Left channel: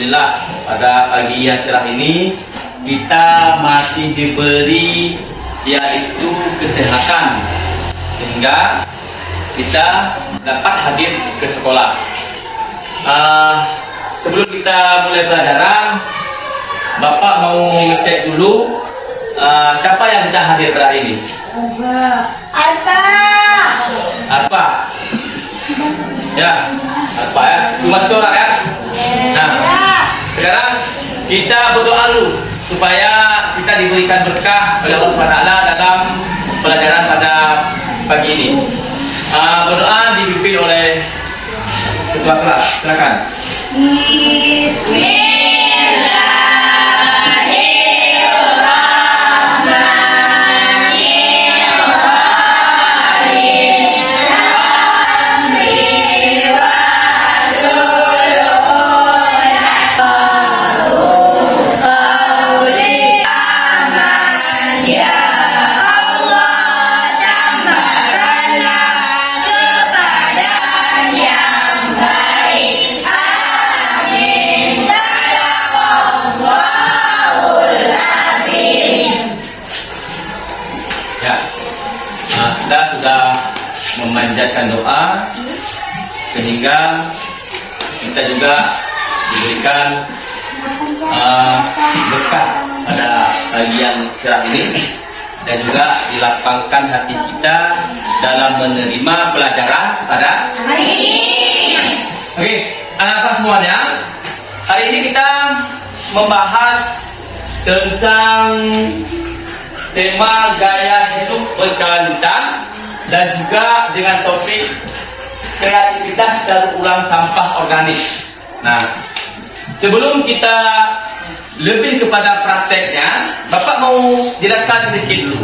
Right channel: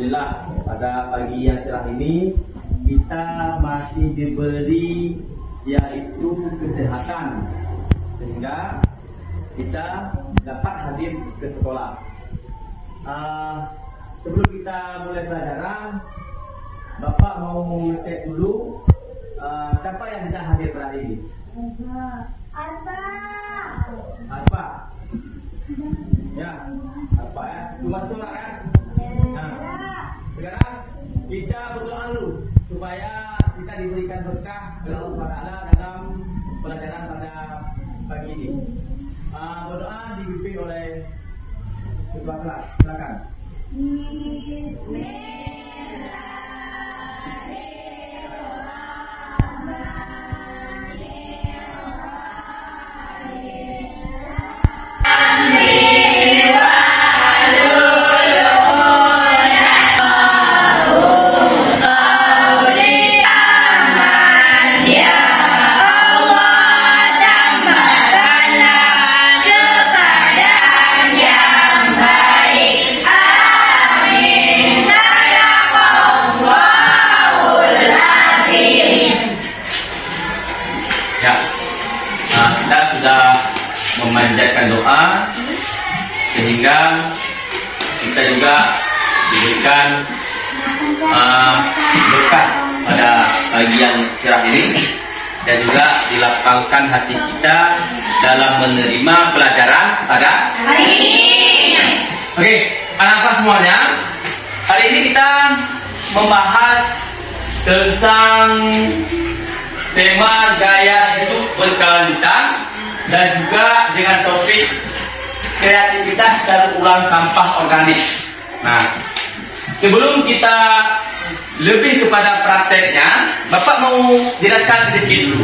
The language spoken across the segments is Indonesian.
Alhamdulillah pada pagi yang cerah ini kita masih diberi yaitu kesehatan sehingga kita dapat hadir ke sekolah. Sebelum kita mulai pelajaran, Bapak mau ngecek dulu siapa yang tidak hadir pada hari ini. Arfa. Ya, Arfa ya. Cuma satu orang ya. Nah, sekarang kita berdoa dulu supaya kita diberikan berkah oleh Allah SWT dalam pelajaran pada pagi ini. Berdoa dipimpin oleh ketua kelas. Silakan. Kita sudah memanjatkan doa sehingga kita juga diberikan berkah pada pagi yang cerah ini dan juga dilapangkan hati kita dalam menerima pelajaran pada hari ini. Oke, anak-anak semuanya, hari ini kita membahas tentang tema gaya hidup berkelanjutan dan juga dengan topik kreativitas daur ulang sampah organik. Nah, sebelum kita lebih kepada prakteknya, Bapak mau jelaskan sedikit dulu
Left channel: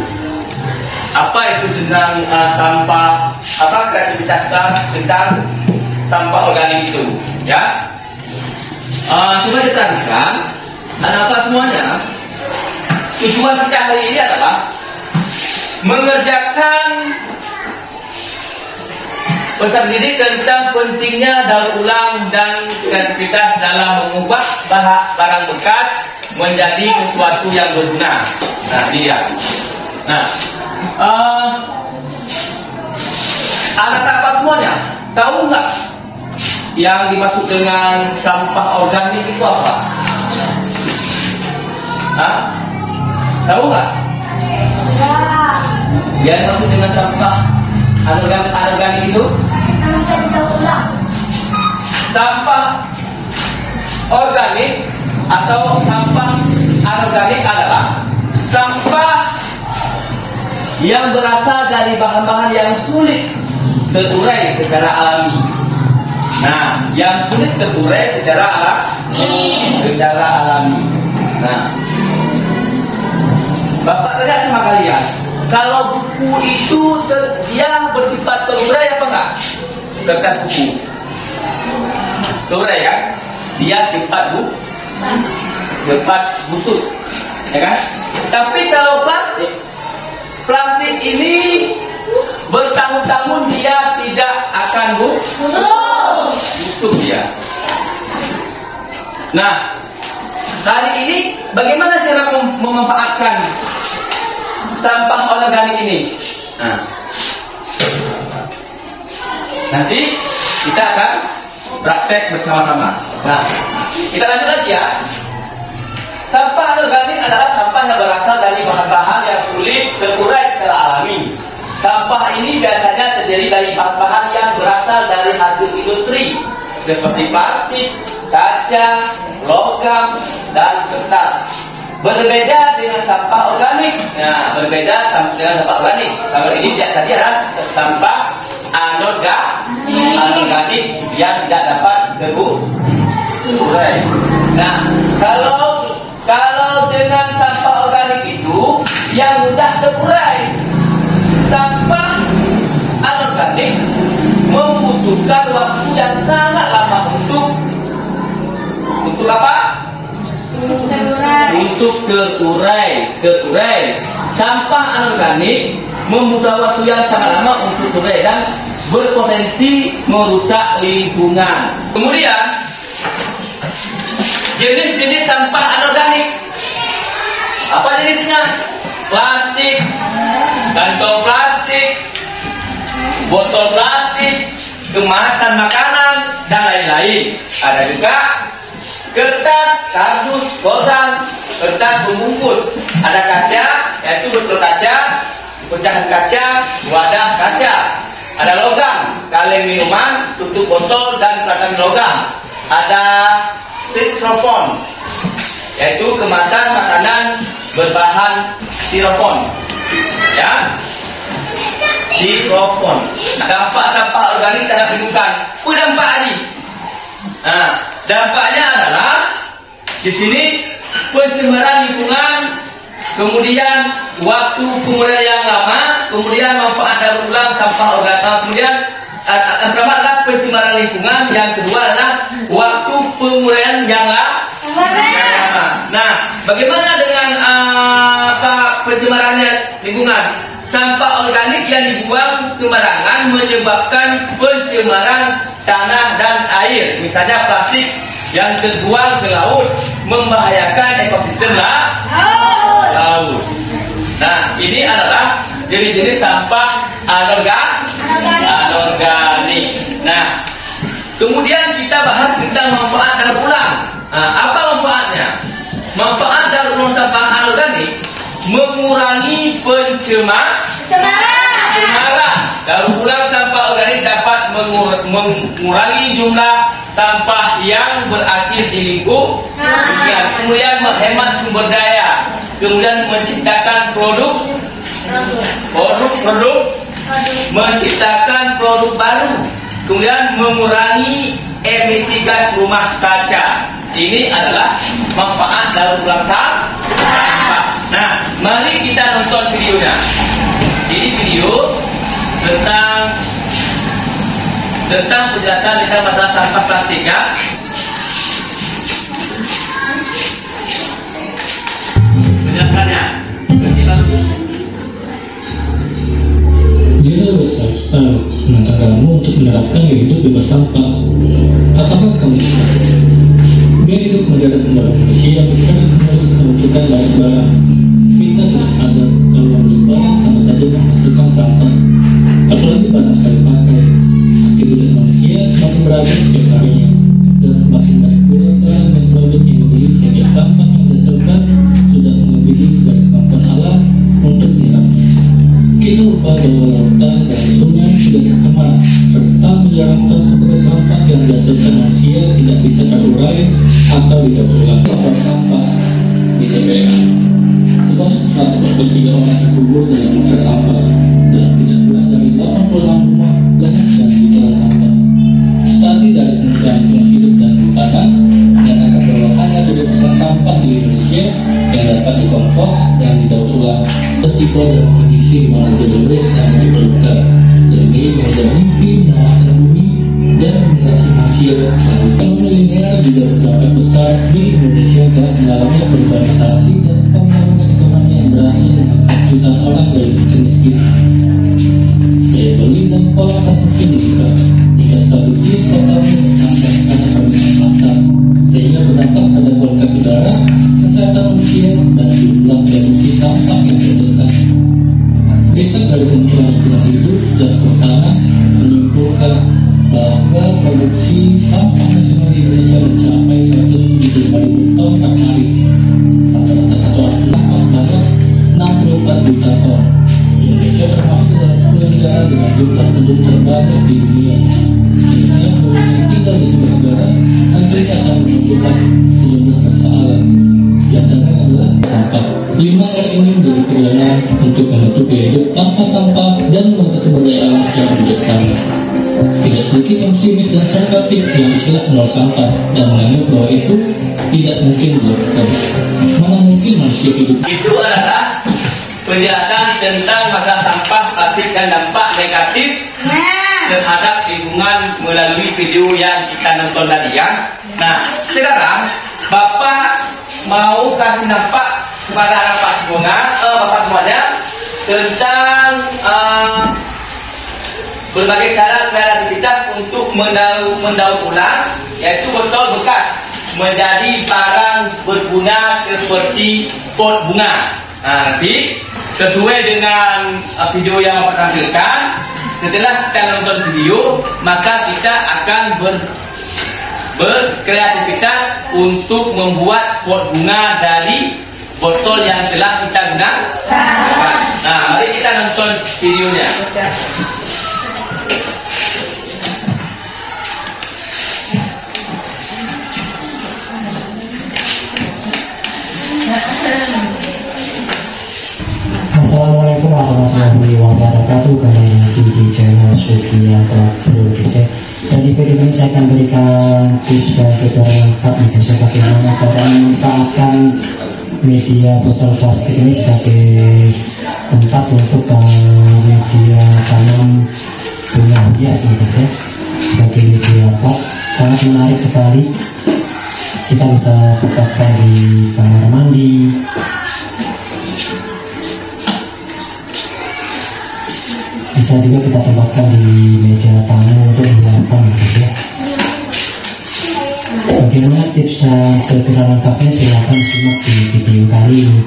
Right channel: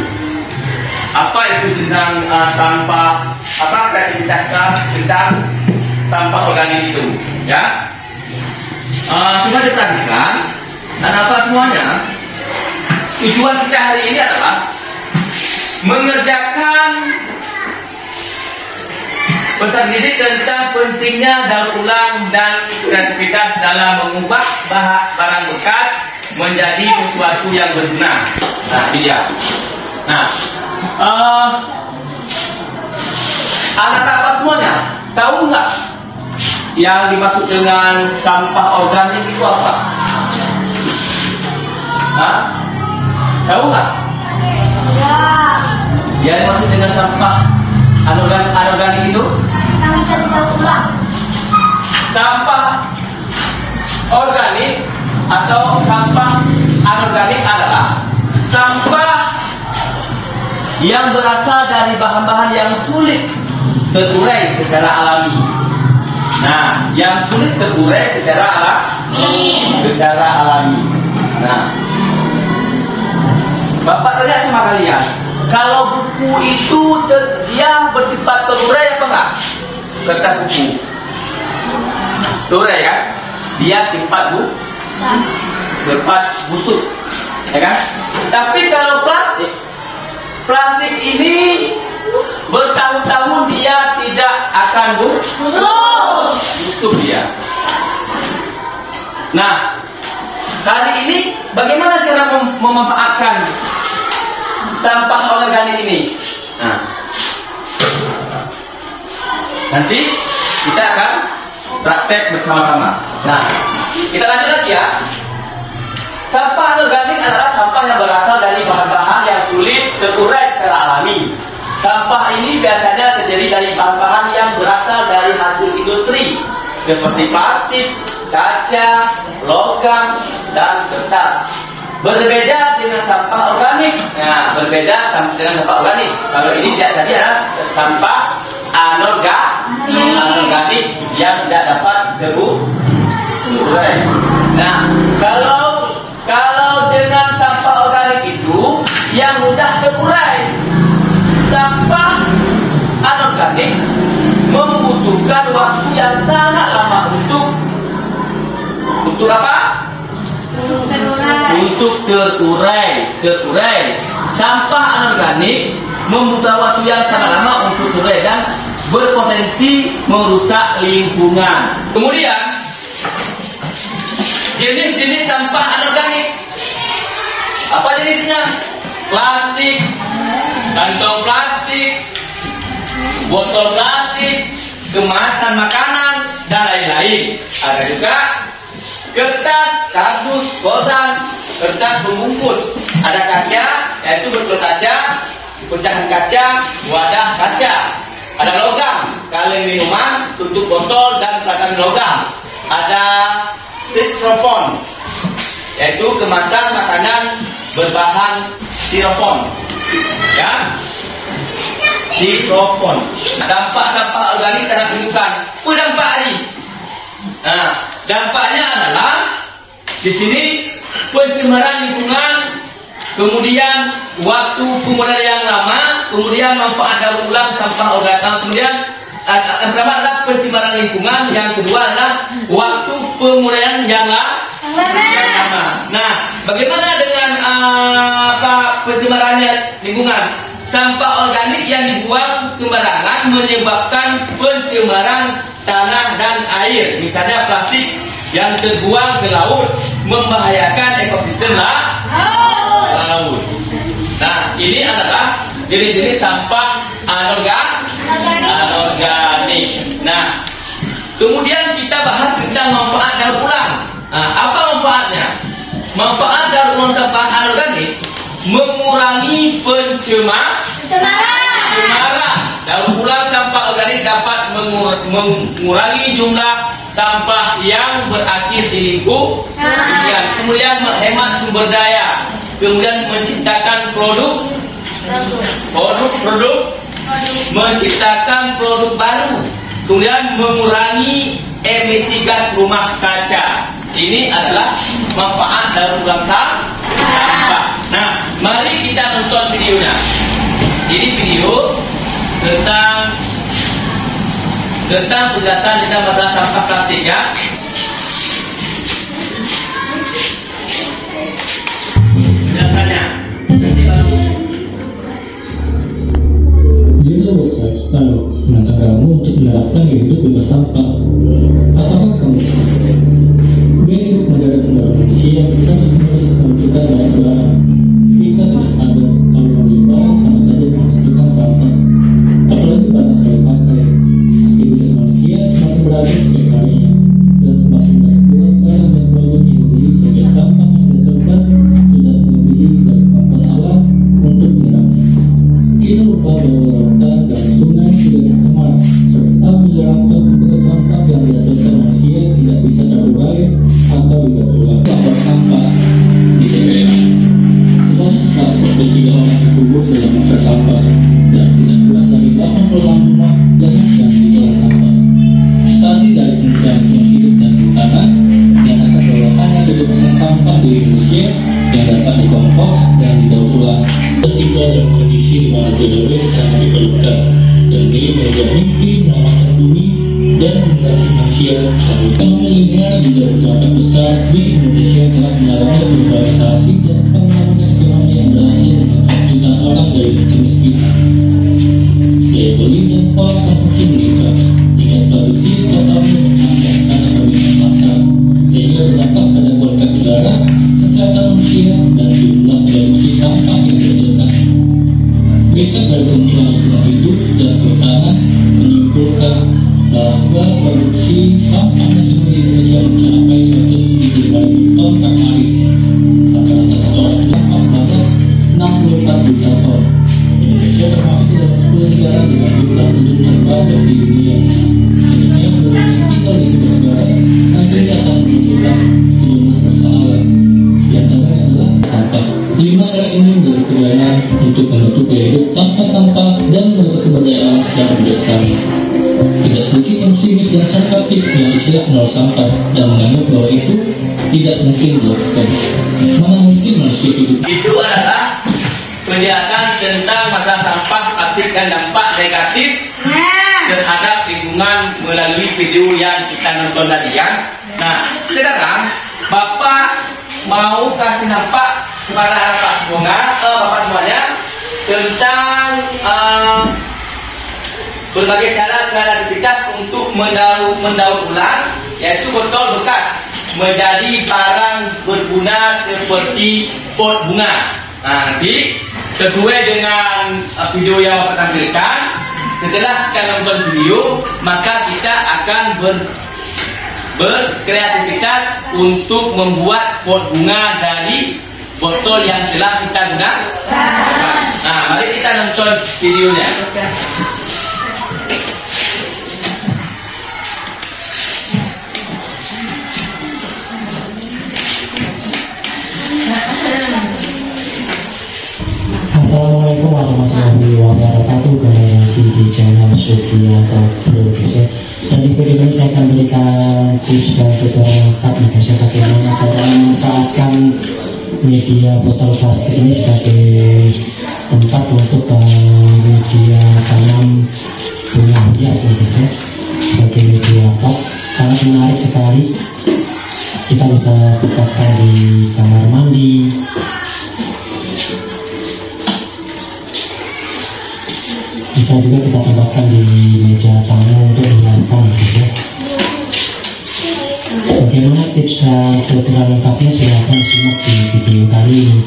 apa itu tentang sampah, apa kreativitas tentang sampah organik itu, ya. Coba diperhatikan, anak-anak semuanya. Tujuan kita hari ini adalah mengerjakan pesan didik tentang pentingnya daur ulang dan kreativitas dalam mengubah barang bekas menjadi sesuatu yang berguna. Nah, ini dia. Nah, anak-anak semuanya tahu nggak yang dimaksud dengan sampah organik itu apa? Hah? Tahu nggak? Yang dimaksud dengan sampah anorganik itu? Sampah organik atau sampah anorganik adalah sampah yang berasal dari bahan-bahan yang sulit terurai secara alami. Nah, yang sulit terurai secara alami. Nah, Bapak tanya sama kalian, kalau buku itu dia bersifat terurai apa enggak? Kertas buku terurai kan? Dia cepat busuk, ya kan? Tapi kalau plastik ini bertahun-tahun dia tidak akan busuk dia. Nah, kali ini bagaimana cara memanfaatkan sampah organik ini? Nah, nanti kita akan praktek bersama-sama. Nah, kita lanjut lagi ya. Sampah organik adalah sampah yang berasal dari bahan-bahan yang sulit terurai secara alami. Sampah ini biasanya terdiri dari bahan-bahan yang berasal dari hasil industri seperti plastik, kaca, logam, dan kertas. Berbeda dengan sampah organik. Nah, berbeda dengan sampah organik. Kalau ini tadi adalah sampah anorganik yang tidak dapat terurai. Nah, kalau dengan sampah organik itu yang mudah terurai. Sampah anorganik membutuhkan waktu yang sangat lama untuk apa? Untuk terurai. Sampah anorganik membutuhkan waktu yang sangat lama untuk terurai dan berpotensi merusak lingkungan. Kemudian jenis-jenis sampah anorganik. Apa jenisnya? Plastik, kantong plastik, botol plastik, kemasan makanan, dan lain-lain. Ada juga kertas, kardus, koran, kertas pembungkus. Ada kaca, yaitu botol kaca, pecahan kaca, wadah kaca. Ada logam, kaleng minuman, tutup botol, dan pelakan logam. Ada styrofoam, yaitu kemasan makanan berbahan styrofoam. Ya, styrofoam. Dampak sampah organik terhadap lingkungan. Dampak ini. Nah, dampaknya adalah di sini pencemaran lingkungan, kemudian waktu penggunaan yang lama, kemudian manfaat daur ulang sampah organik, kemudian yang pertama adalah pencemaran lingkungan, yang kedua adalah waktu penggunaan yang lama. Nah, bagaimana dengan pencemarannya lingkungan? Sampah organik yang dibuang sembarangan menyebabkan pencemaran tanah dan air. Misalnya plastik yang terbuang ke laut membahayakan ekosistem laut. Nah, ini adalah jenis-jenis sampah anorganik. Nah, kemudian kita bahas tentang manfaat daur ulang. Nah, apa manfaatnya? Manfaat daur ulang sampah anorganik mengurangi pencemaran. Daur ulang sampah organik dapat mengurangi jumlah sampah yang berakhir di lingkungan, kemudian menghemat sumber daya, kemudian menciptakan menciptakan produk baru, kemudian mengurangi emisi gas rumah kaca. Ini adalah manfaat daur ulang sampah. Nah, mari kita nonton videonya. Ini video tentang penjelasan tentang masalah sampah plastik, ya. Penjelasannya. Jika lifestyle negaramu untuk menerapkan hidup bebas sampah, apakah kamu gaya hidup negara kembali Indonesia harus menerus menentukan banyak barang? Kita tidak sadar kalau membeli barang sama saja menghasilkan sampah, apalagi barang sekali pakai. Aktivitas manusia semakin beragam setiap harinya, dan semakin banyak barang dan produk yang dibeli sehingga sampah yang dihasilkan sudah melebihi dari kemampuan alam untuk menyerapnya. Kita lupa bahwa lautan dan sungai sudah tercemar, serta miliaran ton tubuh sampah yang dihasilkan manusia tidak bisa terurai atau didaur ulang. Lapor sampah di TPA. Sebanyak 123 orang dikubur dalam masa sampah, dan tidak kurang dari 86 rumah jangan ditinggal sampah. Studi dari Kementerian Lingkungan Hidup dan Kehutanan menyatakan bahwa hanya 7% sampah di Indonesia yang dapat dikompos dan didaur ulang. Ketiga dalam kondisi di mana zero waste hanya diperlukan demi mengejar mimpi menyelamatkan bumi dan generasi manusia selanjutnya. Ekonomi linear juga berdampak besar di Indonesia telah mengalami urbanisasi dan pembangunan ekonomi yang berhasil mengangkat jutaan orang dari kecil miskin. Daya beli dan pola konsumsi meningkat, tingkat produksi setiap tahun menambah karena permintaan pasar, sehingga berdampak pada kualitas udara, kesehatan manusia, dan jumlah produksi sampah yang dihasilkan. Riset dari Kementerian Lingkungan Hidup dan Kehutanan menyimpulkan bahwa produksi sampah nasional di Indonesia mencapai 175.000 ton per hari. Rata-rata satu orang sampah sebanyak 64 juta ton. Indonesia termasuk dalam 10 negara dengan jumlah penduduk terbanyak di dunia. Tentunya penduduk kita di sebuah negara nantinya akan membutuhkan sejumlah persoalan. Di antaranya adalah sampah. Di mana ini menjadi pegangan untuk menutup gaya hidup tanpa sampah dan menjaga sumber daya alam secara berlestari. Tidak sedikit pesimis dan konservatif yang istilah nol sampah dan menganggap bahwa itu tidak mungkin dilakukan. Mana mungkin manusia hidup? Itu adalah penjelasan tentang masalah sampah plastik dan dampak negatif terhadap lingkungan melalui video yang kita nonton tadi, ya. Nah, sekarang Bapak mau kasih nampak kepada Bapak semuanya tentang berbagai cara kreativitas untuk mendaur ulang, yaitu botol bekas. menjadi barang berguna seperti pot bunga. Nah, nanti sesuai dengan video yang akan tampilkan, setelah kita nonton video, maka kita akan berkreativitas untuk membuat pot bunga dari botol yang telah kita gunakan. Nah, mari kita nonton videonya. Assalamualaikum warahmatullahi wabarakatuh. Kembali lagi di channel Sugianto Produksi. Dan di video ini saya akan berikan tips dan tutorial lengkap mengenai bagaimana cara memanfaatkan media botol plastik ini sebagai tempat untuk media tanam bunga hias nih guys ya. Sebagai media pot sangat menarik sekali. Kita bisa tempatkan di kamar mandi, bisa juga kita tempatkan di meja tamu untuk hiasan gitu ya. Bagaimana tips dan tutorial lengkapnya, silahkan simak di video kali ini.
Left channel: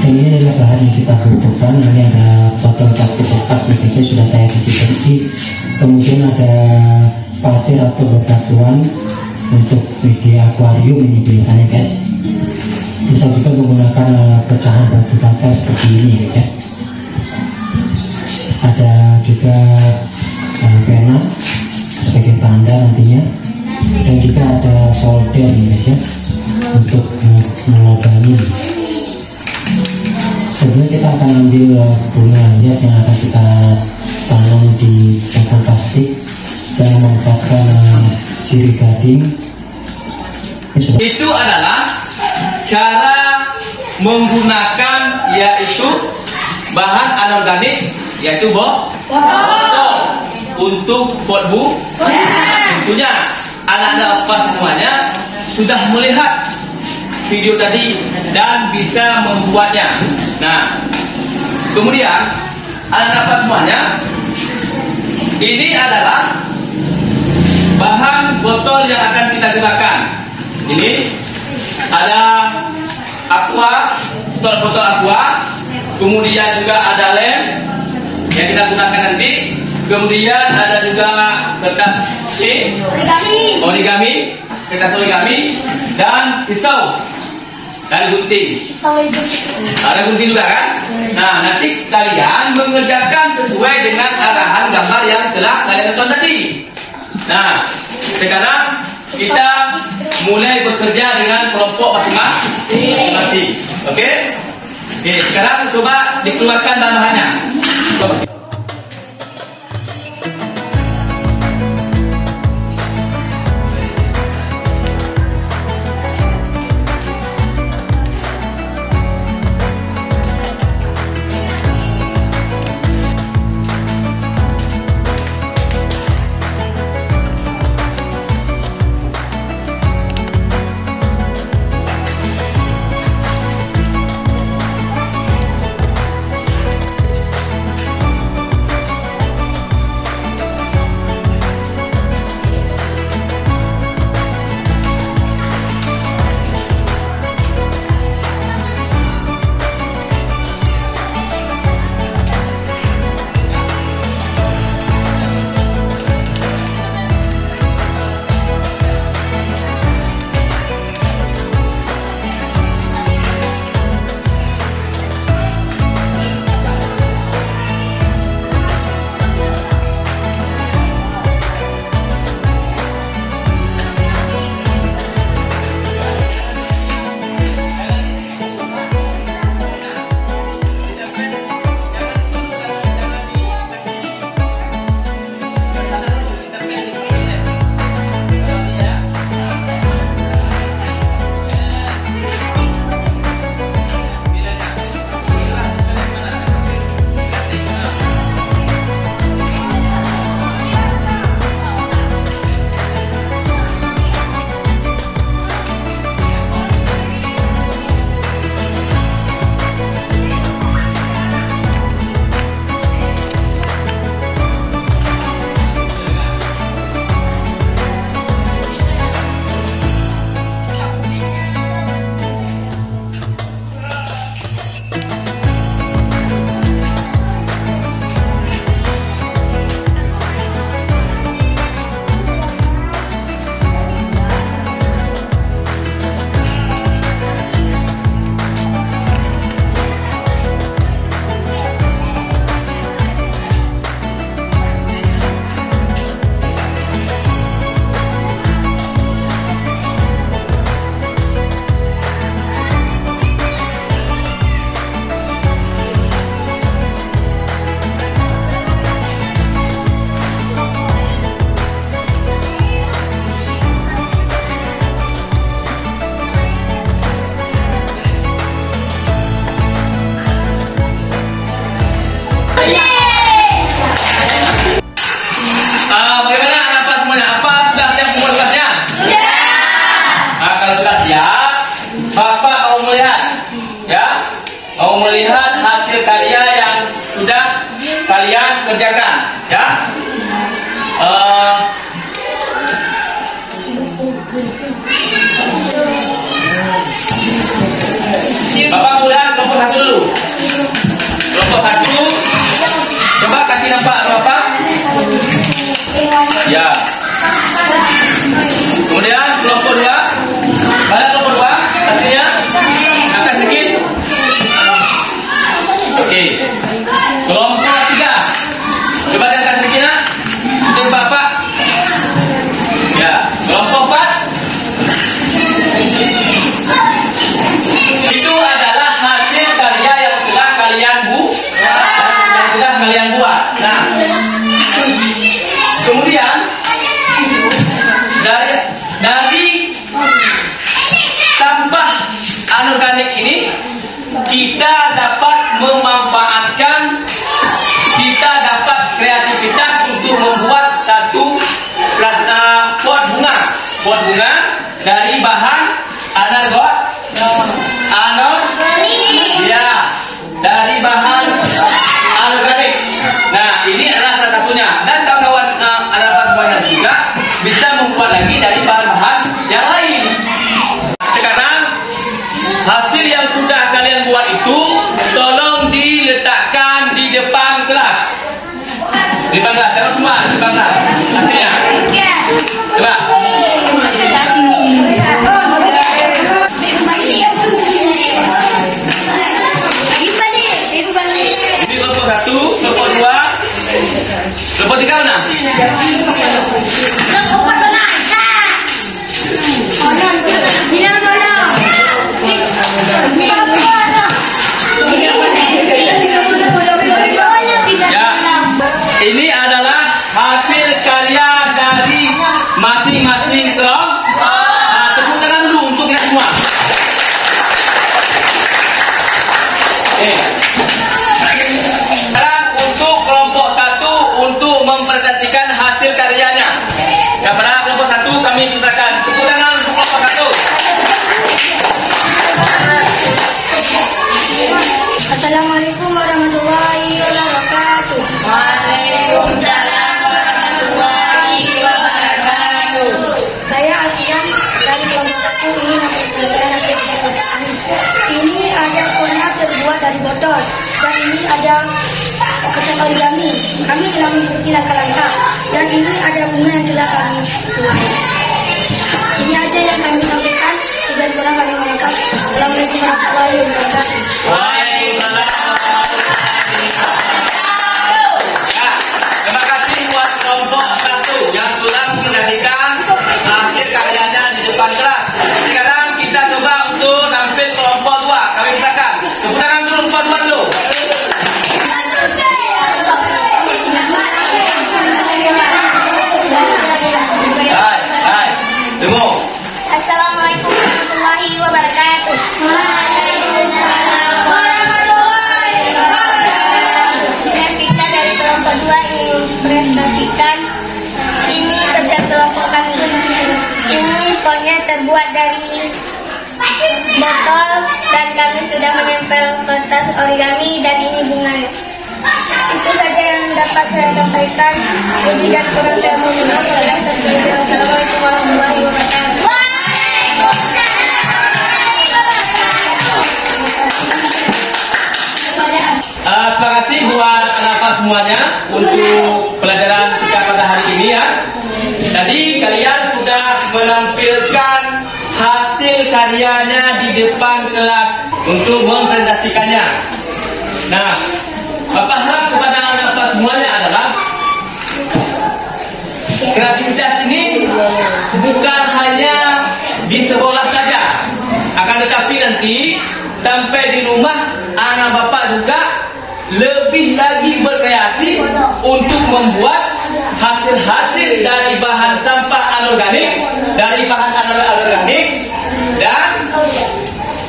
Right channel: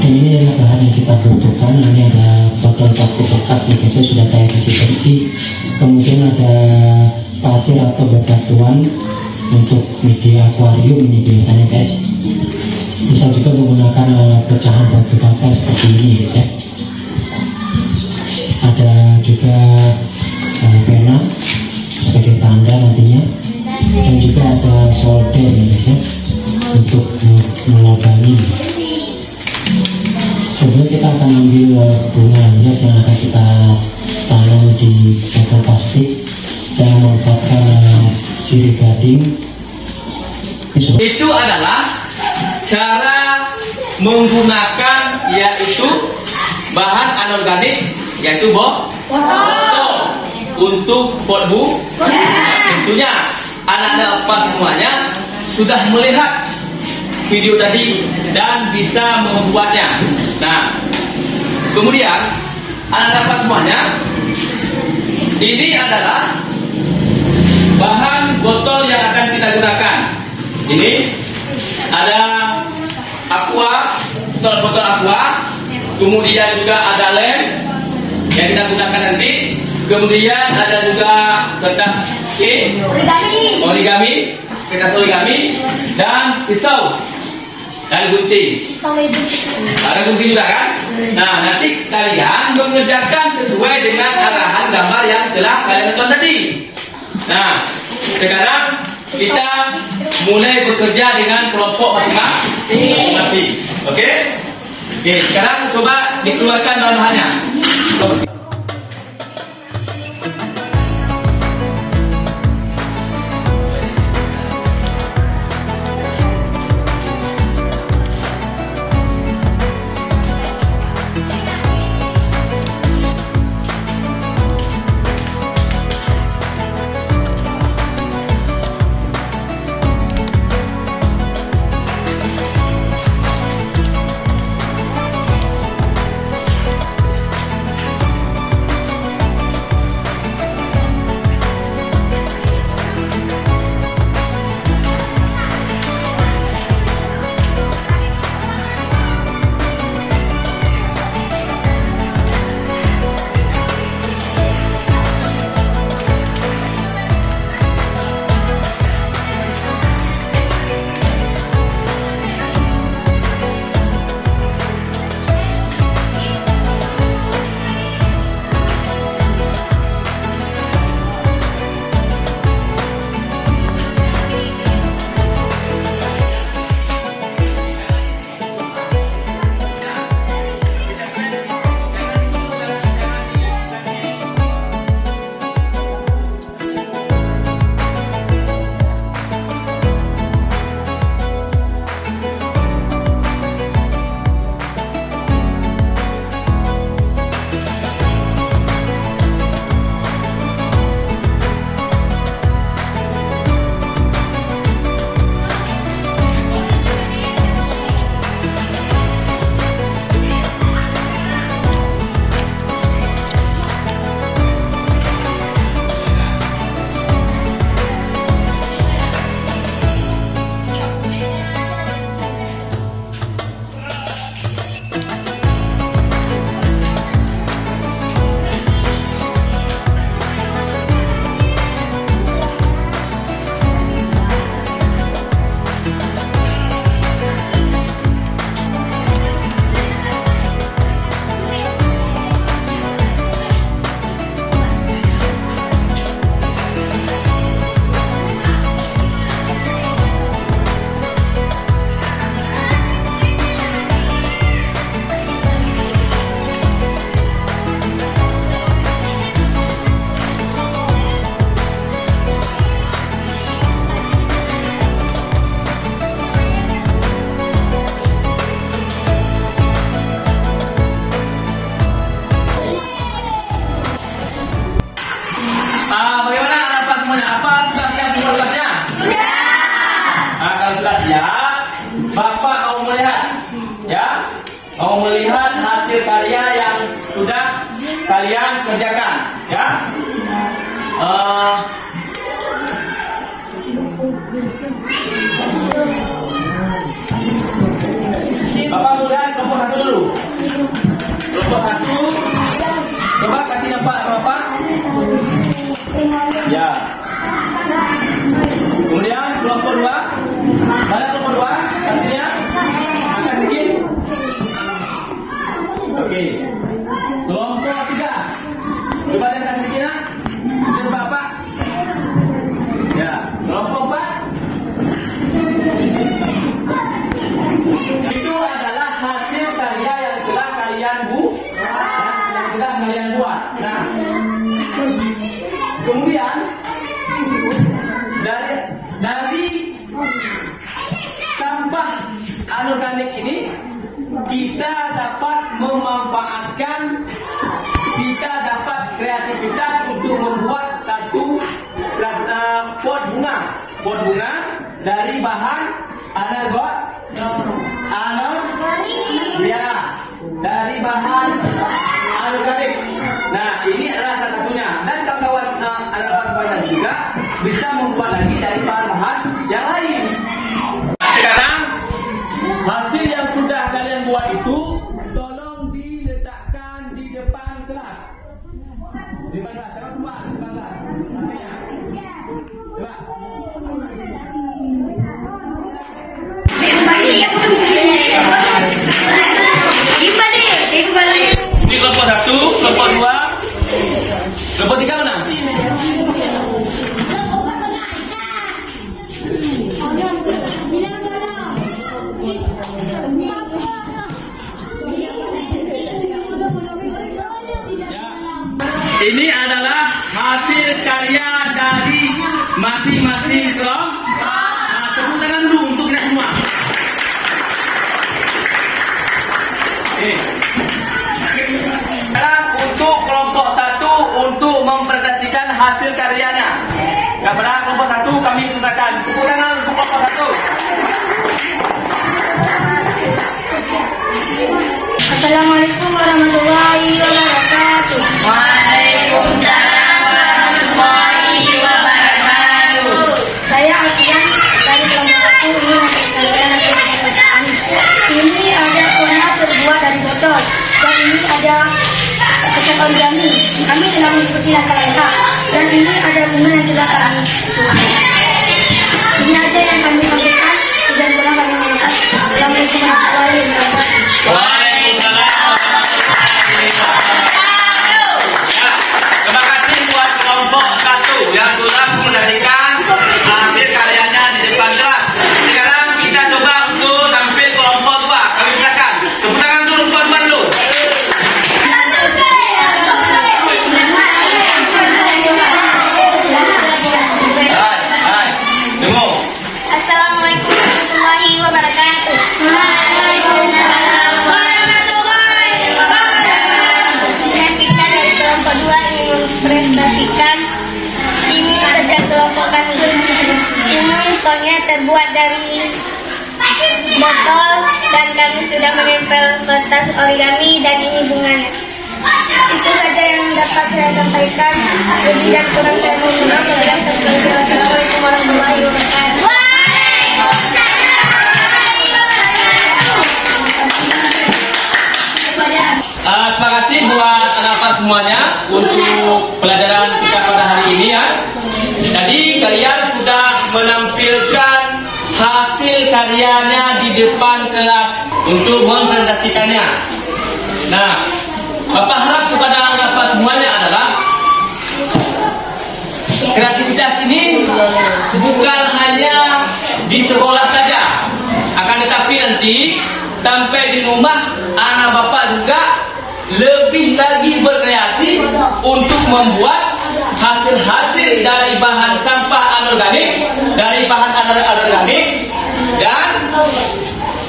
Dan ini adalah bahan yang kita butuhkan. Ini ada botol plastik bekas nih guys, sudah saya bersih. Kemudian ada pasir atau bebatuan untuk media akuarium ini biasanya guys. Bisa juga menggunakan pecahan batu bata seperti ini guys ya. Ada juga pena sebagai tanda nantinya, dan juga ada solder nih guys ya, untuk melobangi. Sebelum kita akan ambil bunga hias yang akan kita tanam di botol plastik dan memanfaatkan sirih gading. Itu adalah cara menggunakan yaitu bahan anorganik, yaitu botol untuk pot bunga. Tentunya anak-anak apa semuanya sudah melihat video tadi dan bisa membuatnya. Nah, kemudian anak-anak apa semuanya, ini adalah bahan botol yang akan kita gunakan. Ini ada aqua, botol aqua, kemudian juga ada lem yang kita gunakan nanti, kemudian ada juga kertas origami, kertas origami, dan pisau dan gunting. Ada gunting juga kan? Nah, nanti kalian mengerjakan sesuai dengan arahan gambar yang telah kalian tonton tadi. Nah, sekarang kita mulai bekerja dengan kelompok masing-masing. Oke? Oke, sekarang coba dikeluarkan bahan-bahannya. kerjakan, ya. Bapak mulai kelompok 1 dulu. Kelompok 1, coba kasih nampak Bapak. Ya. Kemudian kelompok 2, mana kelompok 2? Hasilnya angkat sedikit. Oke. Kelompok 3, coba angkat sedikit nak. Coba Bapak. Ya. Kelompok 4. Itu adalah hasil karya yang telah kalian buat. Nah, kemudian dari sampah anorganik ini kita dapat memanfaatkan, kita dapat kreativitas untuk membuat satu pot bunga dari bahan dari bahan anorganik. Nah, ini adalah salah satunya. Dan kawan-kawan anak-anak juga bisa membuat lagi dari bahan-bahan yang lain. Sekarang hasil yang sudah kalian buat itu tolong diletakkan di depan kelas. Di depan kelas, tengok semua di depan kelas hasilnya. Coba. Ini kelompok 1, kelompok 2, kelompok 3 mana? Ini adalah hasil karya dari masing-masing kelompok. Tepuk tangan dulu untuk kita semua. Sekarang untuk kelompok 1 untuk mempresentasikan hasil karyanya. Kepada kelompok 1 kami persilakan. Tepuk tangan untuk kelompok 1. Assalamualaikum warahmatullahi wabarakatuh. Waalaikumsalam warahmatullahi wabarakatuh. Saya Alfian dari kelompok 1 ini mempresentasikan hasil kerja kami. Ini ada warna terbuat dari botol dan ini ada kertas origami. Kami telah mengikuti langkah-langkah dan ini ada bunga yang telah kami buat. Ini aja yang kami sampaikan dan pulang kami mengucapkan Assalamualaikum warahmatullahi wabarakatuh. Terima kasih buat kelompok 1 yang telah mempresentasikan hasil karyanya di depan kelas. Sekarang kita coba untuk tampil kelompok 2. Kami silakan. Tepuk tangan dulu kelompok 2 dulu. Hai. Tunggu. Assalamualaikum warahmatullahi wabarakatuh. Waalaikumsalam warahmatullahi wabarakatuh. Saya Pita dari kelompok 2 ingin mempresentasikan ini kerja kelompok kami. Ini potnya terbuat dari botol dan kami sudah menempel kertas origami dan ini bunganya. Itu saja yang dapat saya sampaikan. Lebih dan kurang saya mohon maaf. Assalamualaikum warahmatullahi wabarakatuh. Terima kasih buat anak-anak semuanya untuk pelajaran kita pada hari ini ya. Tadi kalian sudah menampilkan hasil karyanya di depan kelas untuk mempresentasikannya. Nah, Bapak harap kepada anak-anak semuanya adalah kreativitas ini bukan hanya di sekolah saja, akan tetapi nanti sampai di rumah anak Bapak juga lebih lagi berkreasi untuk membuat hasil-hasil dari bahan sampah anorganik, dari bahan anorganik, dan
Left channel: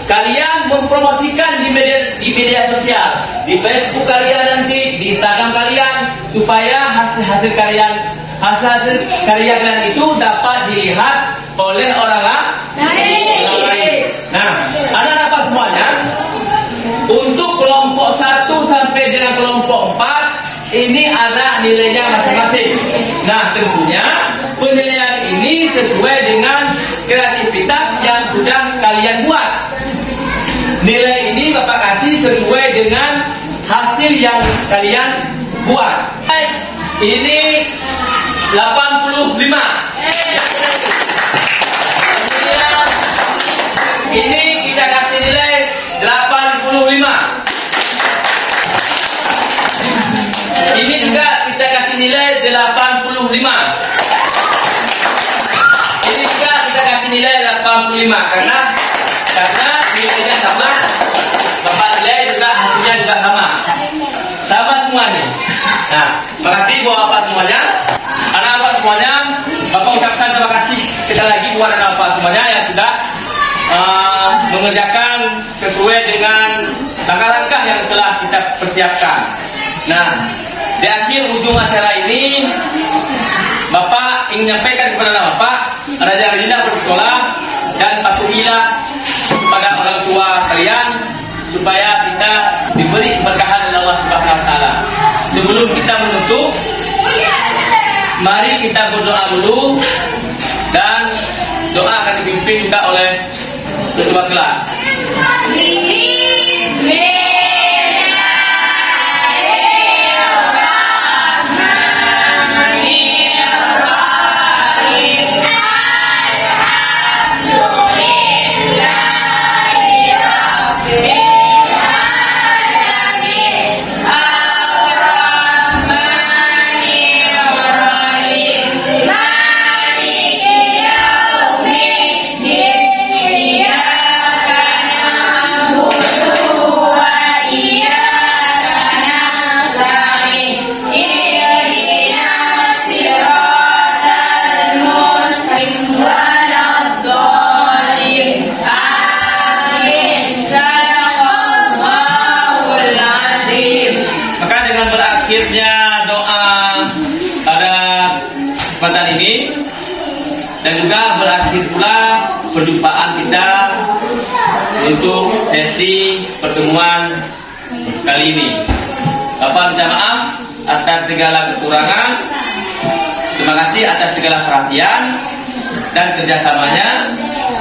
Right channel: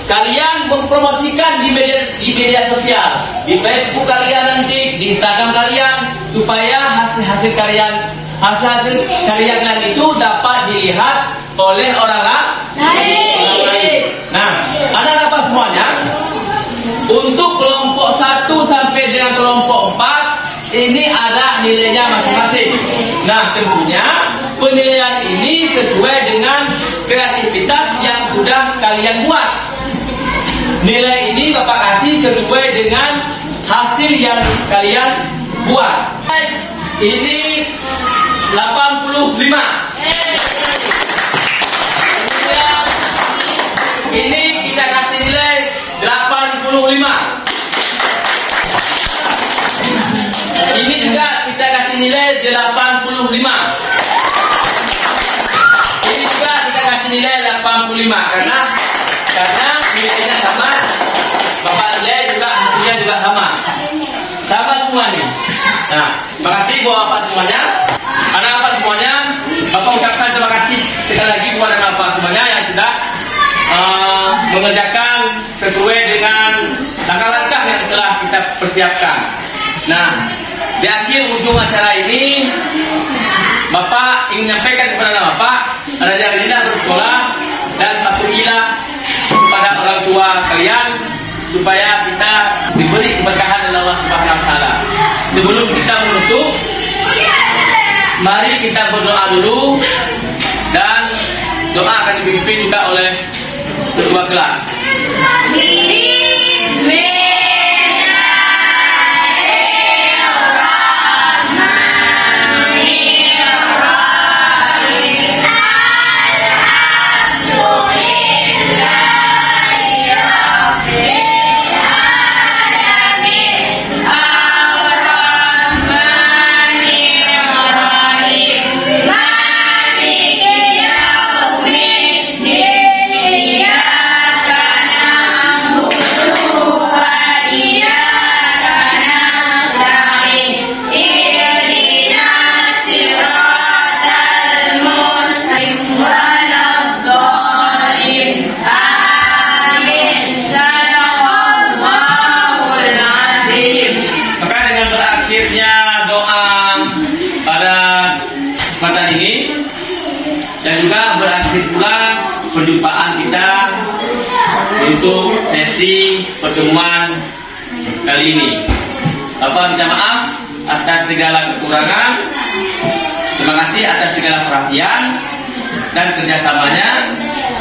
kalian mempromosikan di media sosial, di Facebook kalian nanti, di Instagram kalian, supaya hasil karya kalian itu dapat dilihat oleh orang lain. Nah, anak-anak semuanya, untuk kelompok 1 sampai dengan kelompok 4 ini ada nilainya masing-masing. Nah, tentunya penilaian ini sesuai dengan kreativitas yang sudah kalian buat. Nilai ini Bapak kasih sesuai dengan hasil yang kalian buat. Ini 85. Kemudian ini kita kasih nilai 85. Ini juga kita kasih nilai 85. Ini juga kita kasih nilai 85 karena nilainya sama, Bapak nilai juga hasilnya juga sama. Sama semuanya. Nah, terima kasih buat Bapak semuanya. Anak-anak semuanya, Bapak ucapkan terima kasih sekali lagi buat anak-anak semuanya yang sudah mengerjakan sesuai dengan langkah-langkah yang telah kita persiapkan. Nah, di akhir ujung acara ini, Bapak ingin menyampaikan kepada anak Bapak, rajin-rajinlah bersekolah dan patuhilah kepada orang tua kalian supaya kita diberi keberkahan oleh Allah Subhanahu wa taala. Sebelum kita menutup, mari kita berdoa dulu dan doa akan dipimpin juga oleh ketua kelas. Akhirnya doa pada kesempatan ini dan juga berakhir pula perjumpaan kita untuk sesi pertemuan kali ini. Bapak minta maaf atas segala kekurangan. Terima kasih atas segala perhatian dan kerjasamanya.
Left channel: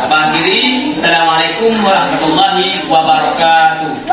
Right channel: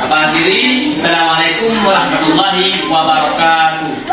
Bapak akhiri, Assalamualaikum warahmatullahi wabarakatuh.